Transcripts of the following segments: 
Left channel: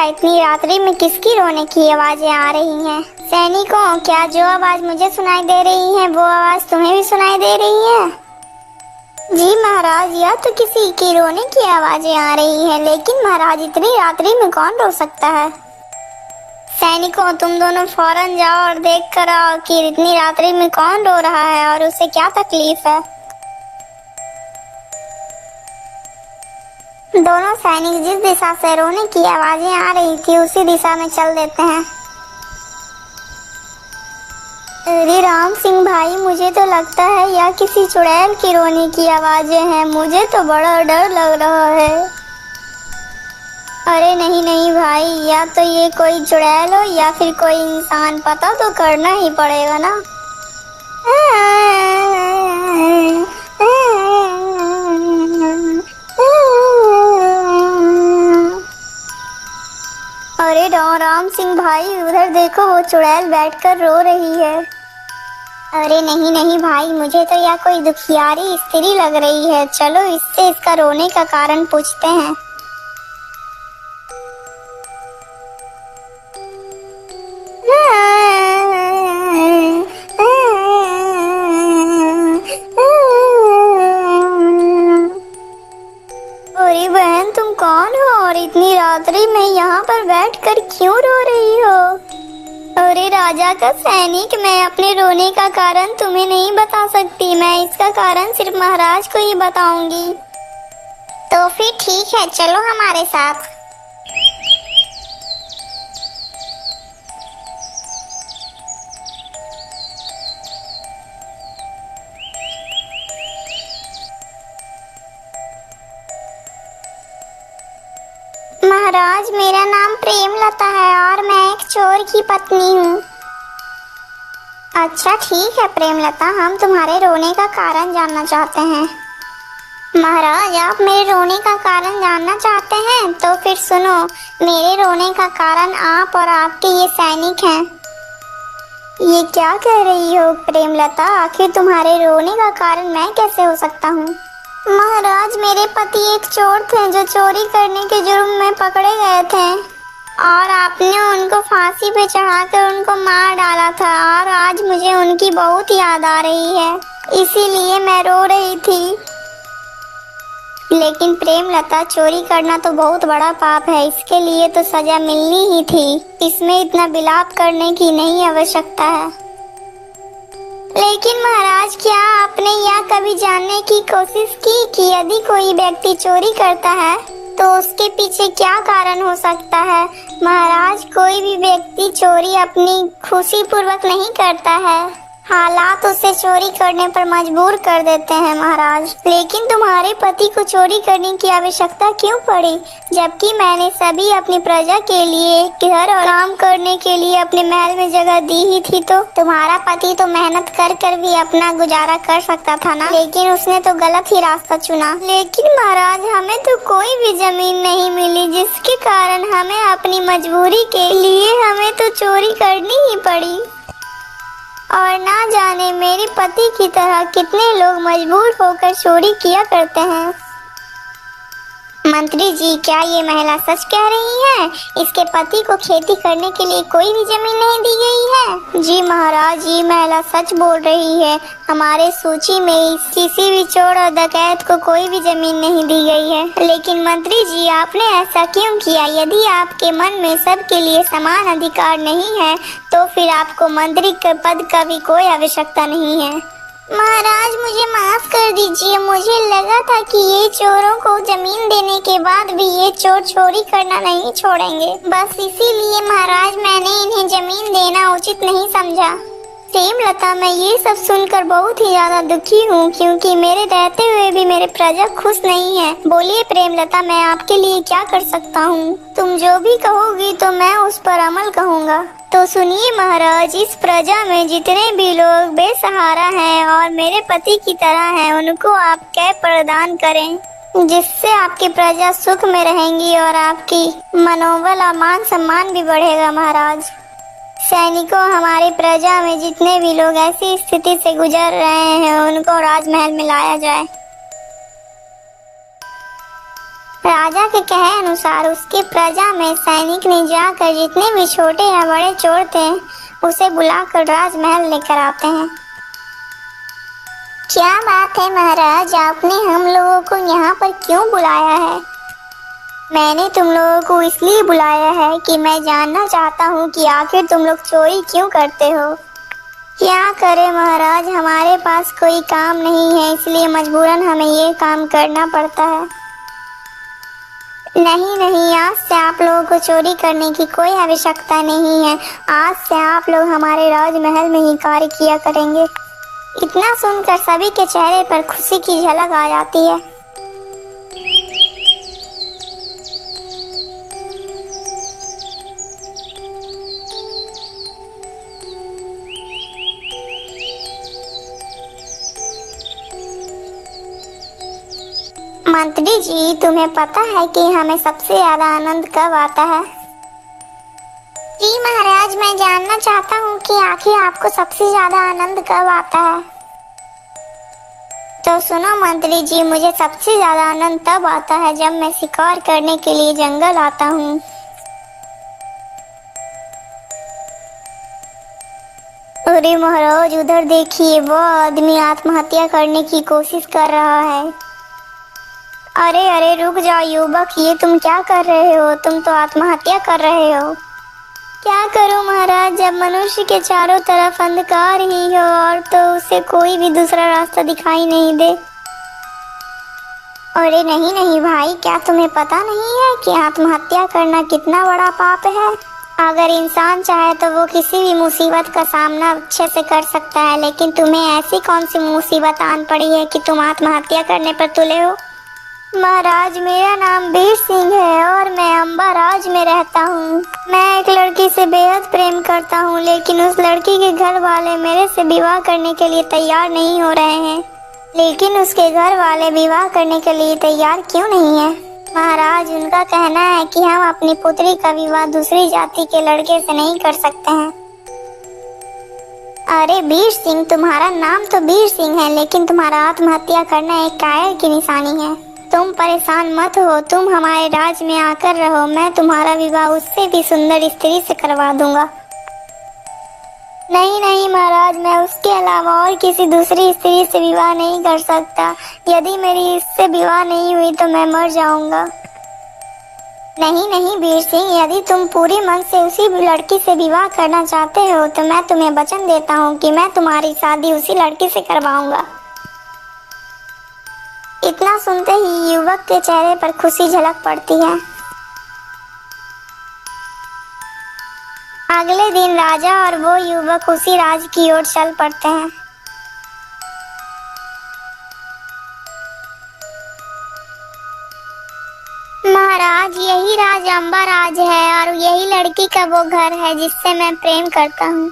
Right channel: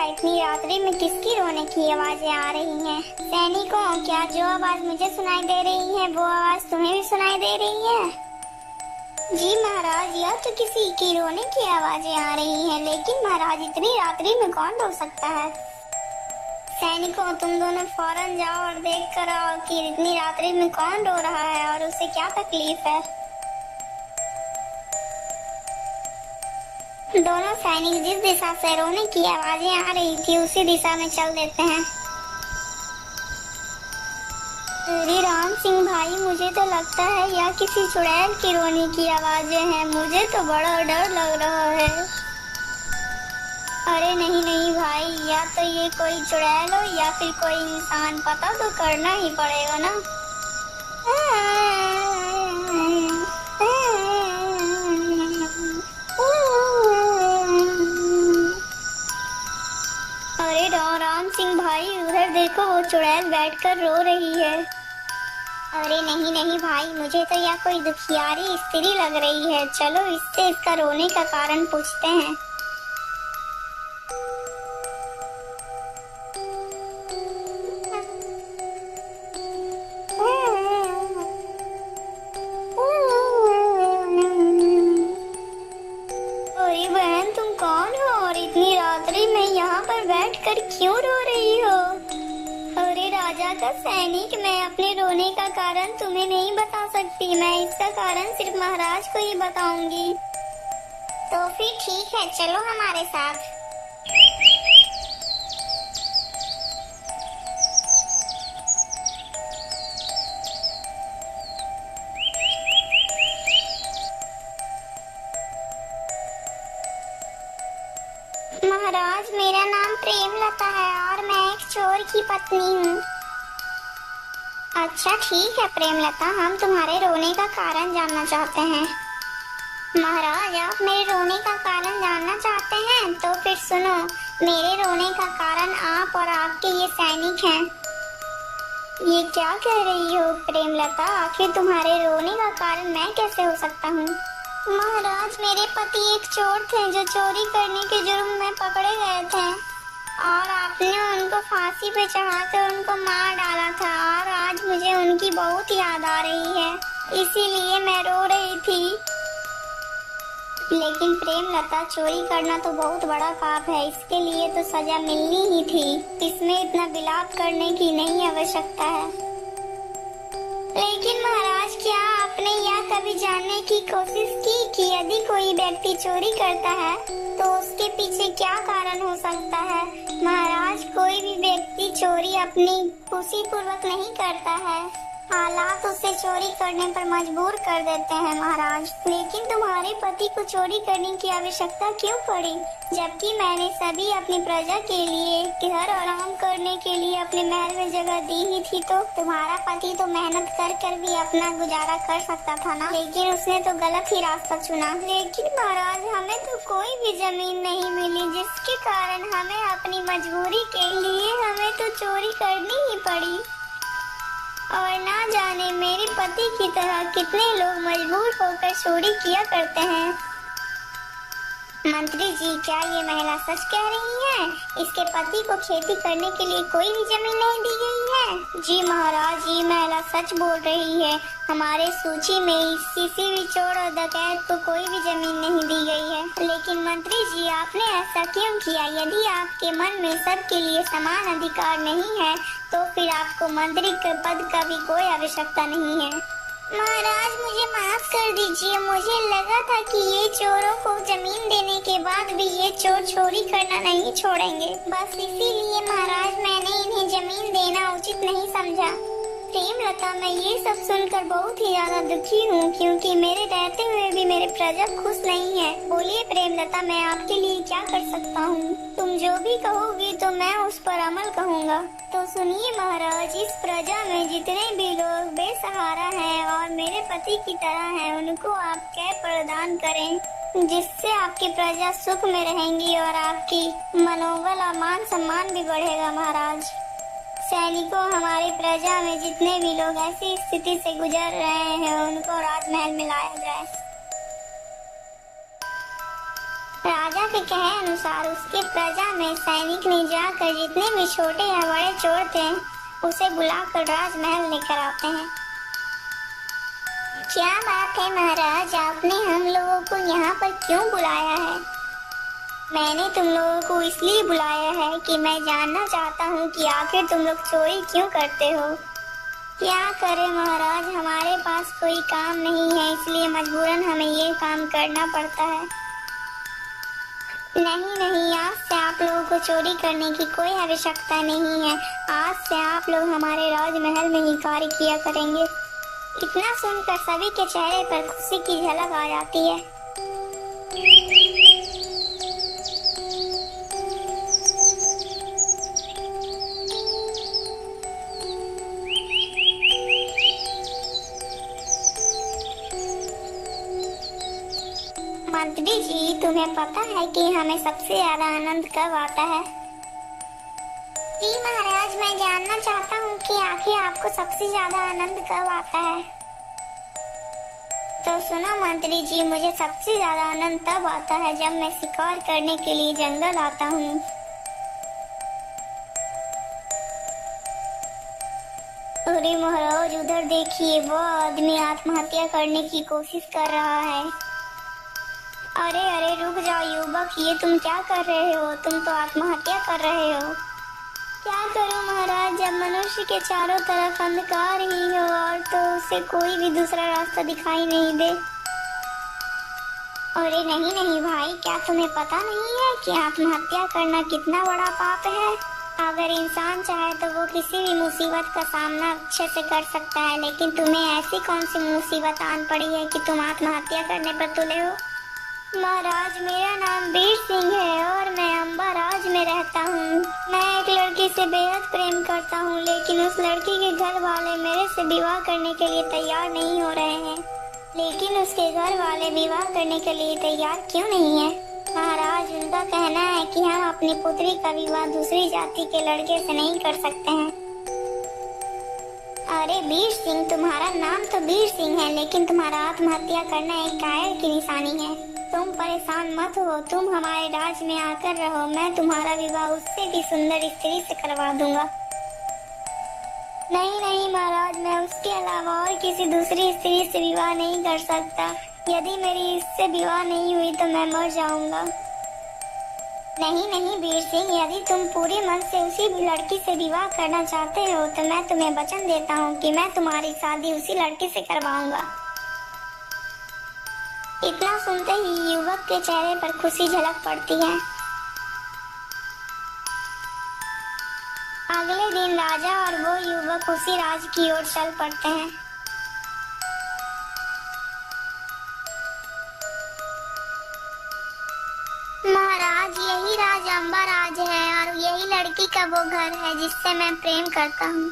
क्या इतनी रात्रि में किसकी रोने की आवाजें आ रही हैं? सैनिकों, क्या जो आवाज मुझे सुनाई दे रही है वो आवाज तुम्हें भी सुनाई दे रही है? जी महाराज, यह तो किसी की रोने की आवाजें आ रही हैं, लेकिन महाराज इतनी रात्रि में कौन रो सकता है? सैनिकों, तुम दोनों फौरन जाओ और देख कर आओ कि इतनी रात्रि में कौन रो रहा है और उसे क्या तकलीफ है। दोनों सैनिक जिस दिशा से रोने की आवाजें आ रही थी उसी दिशा में चल देते हैं। अरे राम सिंह भाई, मुझे तो लगता है यह किसी चुड़ैल की रोने की आवाजें हैं। मुझे तो बड़ा डर लग रहा है। अरे नहीं नहीं भाई, या तो ये कोई चुड़ैल हो या फिर कोई इंसान, पता तो करना ही पड़ेगा ना। अरे राम सिंह भाई, उधर देखो, वो चुड़ैल बैठकर रो रही है। अरे नहीं नहीं भाई, मुझे तो यह कोई दुखियारी स्त्री लग रही है। चलो इससे इसका रोने का कारण पूछते हैं। अरे बहन, तुम कौन हो और इतनी रात्रि में यहाँ पर बैठकर क्यों रो रही हो? अरे राजा का सैनिक, मैं अपने रोने का कारण तुम्हें नहीं बता सकती। मैं इसका कारण सिर्फ महाराज को ही बताऊंगी। तो फिर ठीक है, चलो हमारे साथ। महाराज, मेरा नाम प्रेमलता है और मैं एक चोर की पत्नी हूँ। अच्छा ठीक है प्रेमलता, हम तुम्हारे रोने का कारण जानना चाहते हैं। महाराज, आप मेरे रोने का कारण जानना चाहते हैं? तो फिर सुनो, मेरे रोने का कारण आप और आपके ये सैनिक हैं। ये क्या कह रही हो प्रेमलता? आखिर तुम्हारे रोने का कारण मैं कैसे हो सकता हूँ? महाराज, मेरे पति एक चोर थे जो चोरी करने के जुर्म में पकड़े गए थे और आपने उनको फांसी पे चढ़ाकर उनको मार डाला था और आज मुझे उनकी बहुत याद आ रही है, इसीलिए मैं रो रही थी। लेकिन प्रेमलता, चोरी करना तो बहुत बड़ा पाप है, इसके लिए तो सजा मिलनी ही थी। इसमें इतना विलाप करने की नहीं आवश्यकता है। लेकिन महाराज, क्या आपने यह कभी जानने की कोशिश की कि यदि कोई व्यक्ति चोरी करता है तो उसके पीछे क्या कारण हो सकता है? महाराज, कोई भी व्यक्ति चोरी अपनी खुशी पूर्वक नहीं करता है, हालात उसे चोरी करने पर मजबूर कर देते हैं महाराज। लेकिन तुम्हारे पति को चोरी करने की आवश्यकता क्यों पड़ी, जबकि मैंने सभी अपनी प्रजा के लिए घर और काम करने के लिए अपने महल में जगह दी ही थी। तो तुम्हारा पति तो मेहनत कर कर भी अपना गुजारा कर सकता था ना, लेकिन उसने तो गलत ही रास्ता चुना। लेकिन महाराज, हमें तो कोई भी जमीन नहीं मिली, जिसके कारण हमें अपनी मजबूरी के लिए हमें तो चोरी करनी ही पड़ी। और ना जाने मेरे पति की तरह कितने लोग मजबूर होकर चोरी किया करते हैं। मंत्री जी, क्या ये महिला सच कह रही है? इसके पति को खेती करने के लिए कोई भी जमीन नहीं दी गई है? जी महाराज, ये महिला सच बोल रही है। हमारे सूची में किसी भी चोर और डकैत को कोई भी जमीन नहीं दी गई है। लेकिन मंत्री जी, आपने ऐसा क्यों किया? यदि आपके मन में सबके लिए समान अधिकार नहीं है तो फिर आपको मंत्री के पद का भी कोई आवश्यकता नहीं है। महाराज, मुझे माफ कर दीजिए, मुझे लगा था कि ये चोरों को जमीन देने के बाद भी ये चोर चोरी करना नहीं छोड़ेंगे, बस इसीलिए महाराज मैंने इन्हें जमीन देना उचित नहीं समझा। प्रेमलता, मैं ये सब सुनकर बहुत ही ज्यादा दुखी हूँ, क्योंकि मेरे रहते हुए भी मेरे प्रजा खुश नहीं है। बोलिए प्रेमलता, मैं आपके लिए क्या कर सकता हूँ? तुम जो भी कहोगी तो मैं उस पर अमल करूँगा। तो सुनिए महाराज, इस प्रजा में जितने भी लोग बेसहारा हैं और मेरे पति की तरह हैं, उनको आप क्या प्रदान करें, जिससे आपकी प्रजा सुख में रहेंगी और आपकी मनोबल और मान सम्मान भी बढ़ेगा। महाराज, सैनिकों, हमारी प्रजा में जितने भी लोग ऐसी स्थिति से गुजर रहे हैं उनको राजमहल में लाया जाए। राजा के कहे अनुसार उसकी प्रजा में सैनिक ने जाकर जितने भी छोटे या बड़े चोर थे उसे बुलाकर राजमहल लेकर आते हैं। क्या बात है महाराज, आपने हम लोगों को यहाँ पर क्यों बुलाया है? मैंने तुम लोगों को इसलिए बुलाया है कि मैं जानना चाहता हूँ कि आखिर तुम लोग चोरी क्यों करते हो। क्या करें महाराज, हमारे पास कोई काम नहीं है, इसलिए मजबूरन हमें ये काम करना पड़ता है। नहीं नहीं, आज से आप लोगों को चोरी करने की कोई आवश्यकता नहीं है। आज से आप लोग हमारे राजमहल में ही कार्य किया करेंगे। इतना सुनकर सभी के चेहरे पर खुशी की झलक आ जाती है। मंत्री जी, तुम्हें पता है कि हमें सबसे ज्यादा आनंद कब आता है? जी महाराज, मैं जानना चाहता हूँ कि आखिर आपको सबसे ज्यादा आनंद कब आता है। तो सुनो मंत्री जी, मुझे सबसे ज्यादा आनंद तब आता है जब मैं शिकार करने के लिए जंगल आता हूँ। अरे महाराज, उधर देखिए, वो आदमी आत्महत्या करने की कोशिश कर रहा है। अरे अरे रुक जाओ युवक, ये तुम क्या कर रहे हो? तुम तो आत्महत्या कर रहे हो। क्या करूं महाराज, जब मनुष्य के चारों तरफ अंधकार ही हो और तो उसे कोई भी दूसरा रास्ता दिखाई नहीं दे। अरे नहीं नहीं भाई, क्या तुम्हें पता नहीं है कि आत्महत्या करना कितना बड़ा पाप है? अगर इंसान चाहे तो वो किसी भी मुसीबत का सामना अच्छे से कर सकता है, लेकिन तुम्हें ऐसी कौन सी मुसीबत आन पड़ी है कि तुम आत्महत्या करने पर तुले हो? महाराज, मेरा नाम वीर सिंह है और मैं अंबाराज में रहता हूँ। मैं एक लड़की से बेहद प्रेम करता हूँ, लेकिन उस लड़की के घर वाले मेरे से विवाह करने के लिए तैयार नहीं हो रहे हैं। लेकिन उसके घर वाले विवाह करने के लिए तैयार क्यों नहीं है? महाराज, उनका कहना है कि हम अपनी पुत्री का विवाह दूसरी जाति के लड़के से नहीं कर सकते हैं। अरे वीर सिंह, तुम्हारा नाम तो वीर सिंह है, लेकिन तुम्हारा आत्महत्या करना एक कायर की निशानी है। तुम परेशान मत हो, तुम हमारे राज में आकर रहो, मैं तुम्हारा विवाह उससे भी सुंदर स्त्री से करवा दूंगा। नहीं नहीं महाराज, मैं उसके अलावा और किसी दूसरी स्त्री से विवाह नहीं कर सकता। यदि मेरी इससे विवाह नहीं हुई तो मैं मर जाऊंगा। नहीं नहीं वीर सिंह, यदि तुम पूरी मन से उसी लड़की से विवाह करना चाहते हो तो मैं तुम्हें वचन देता हूँ कि मैं तुम्हारी शादी उसी लड़की से करवाऊंगा। इतना सुनते ही युवक के चेहरे पर खुशी झलक पड़ती है। अगले दिन राजा और वो युवक उसी राज की ओर चल पड़ते हैं। महाराज, यही राज अंबाराज है और यही लड़की का वो घर है जिससे मैं प्रेम करता हूँ।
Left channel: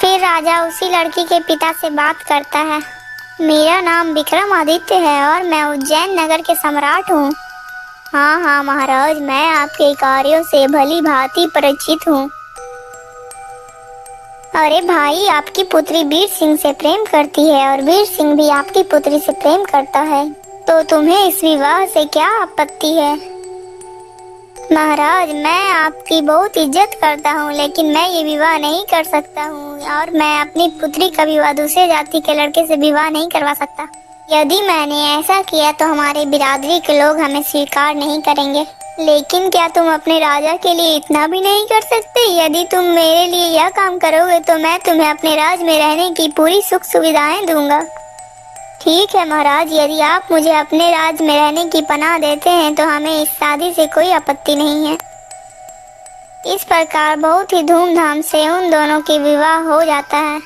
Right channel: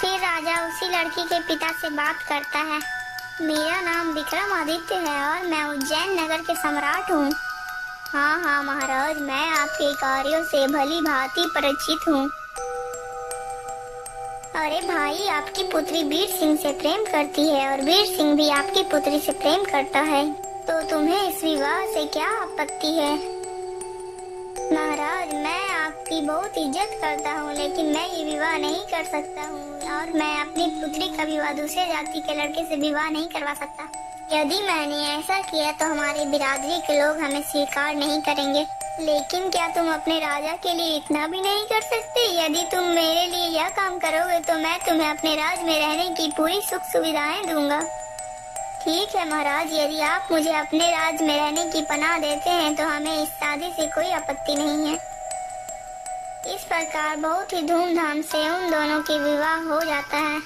फिर राजा उसी लड़की के पिता से बात करता है। मेरा नाम विक्रमादित्य है और मैं उज्जैन नगर के सम्राट हूँ। हाँ हाँ महाराज, मैं आपके कार्यों से भली भांति परिचित हूँ। अरे भाई, आपकी पुत्री वीर सिंह से प्रेम करती है और वीर सिंह भी आपकी पुत्री से प्रेम करता है, तो तुम्हें इस विवाह से क्या आपत्ति है? महाराज, मैं आपकी बहुत इज्जत करता हूँ, लेकिन मैं ये विवाह नहीं कर सकता हूँ और मैं अपनी पुत्री का विवाह दूसरे जाति के लड़के से विवाह नहीं करवा सकता। यदि मैंने ऐसा किया तो हमारे बिरादरी के लोग हमें स्वीकार नहीं करेंगे। लेकिन क्या तुम अपने राजा के लिए इतना भी नहीं कर सकते? यदि तुम मेरे लिए यह काम करोगे तो मैं तुम्हें अपने राज में रहने की पूरी सुख सुविधाएं दूंगा। ठीक है महाराज, यदि आप मुझे अपने राज में रहने की पनाह देते हैं तो हमें इस शादी से कोई आपत्ति नहीं है। इस प्रकार बहुत ही धूमधाम से उन दोनों की विवाह हो जाता है।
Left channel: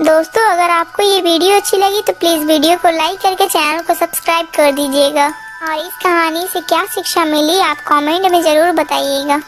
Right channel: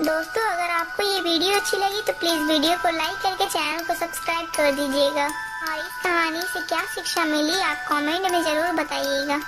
दोस्तों, अगर आपको ये वीडियो अच्छी लगी तो प्लीज वीडियो को लाइक करके चैनल को सब्सक्राइब कर दीजिएगा और इस कहानी से क्या शिक्षा मिली आप कमेंट में जरूर बताइएगा।